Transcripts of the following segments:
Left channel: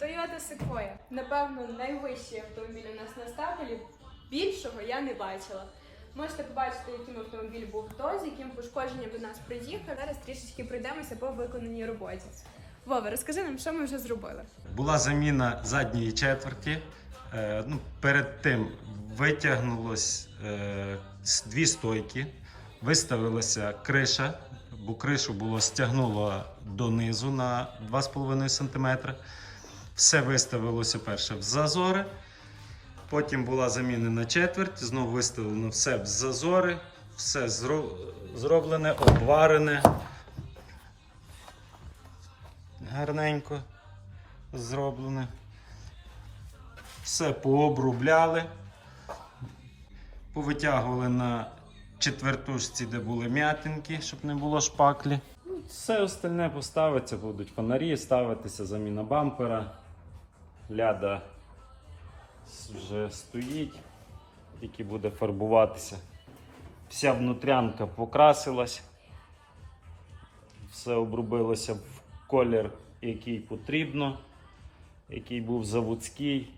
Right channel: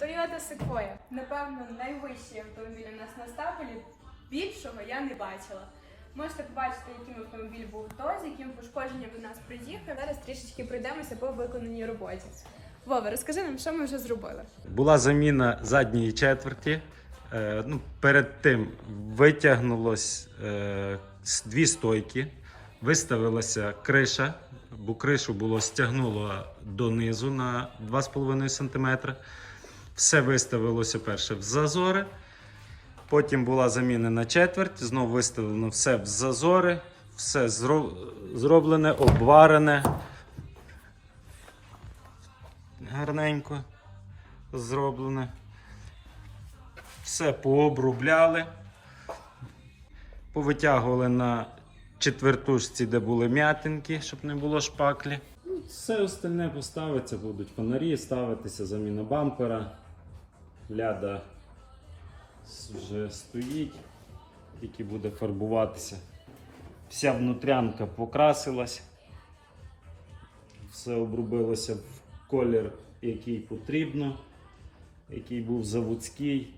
Toyota Sequoia. Напевно, найвищий автомобіль у нас на стапелі. Більшого я не бачила. Можете побачити, яким автомобіль був то, з яким пошкодженням до нас приїхав. Зараз трішечки пройдемося по виконаній роботі. Вова, розкажи нам, що ми вже зробили. Була заміна задньої четверті. Е, ну, перед тим витягнулось е, дві стойки, виставилася криша, бо кришу було стягнуло донизу на 2,5 см. Все виставилося перше в зазори. Потім була замінена четверть, знову виставлено все в зазори, все зроблене, обварене. Гарненько зроблене. Все пообробляли. Повитягували на четвертушці, де були м'ятинки, щоб не було шпаклі. Все остальне поставиться, будуть фонарі ставитися, заміна бампера. Ляда вже стоїть, тільки буде фарбуватися. Вся внутрянка покрасилась. Все обробилося в колір, який потрібно, який був заводський.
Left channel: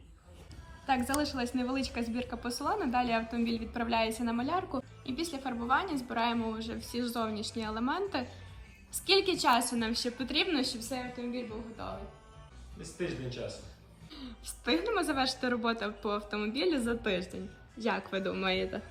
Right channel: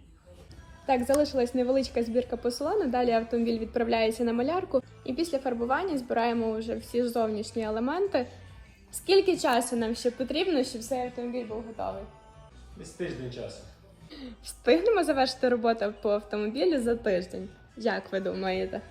Так, залишилась невеличка збірка по. Далі автомобіль відправляється на малярку, і після фарбування збираємо вже всі зовнішні елементи. Скільки часу нам ще потрібно, щоб цей автомобіль був готовий? Десь тиждень часу. Встигнемо завершити роботу по автомобілі за тиждень. Як ви думаєте?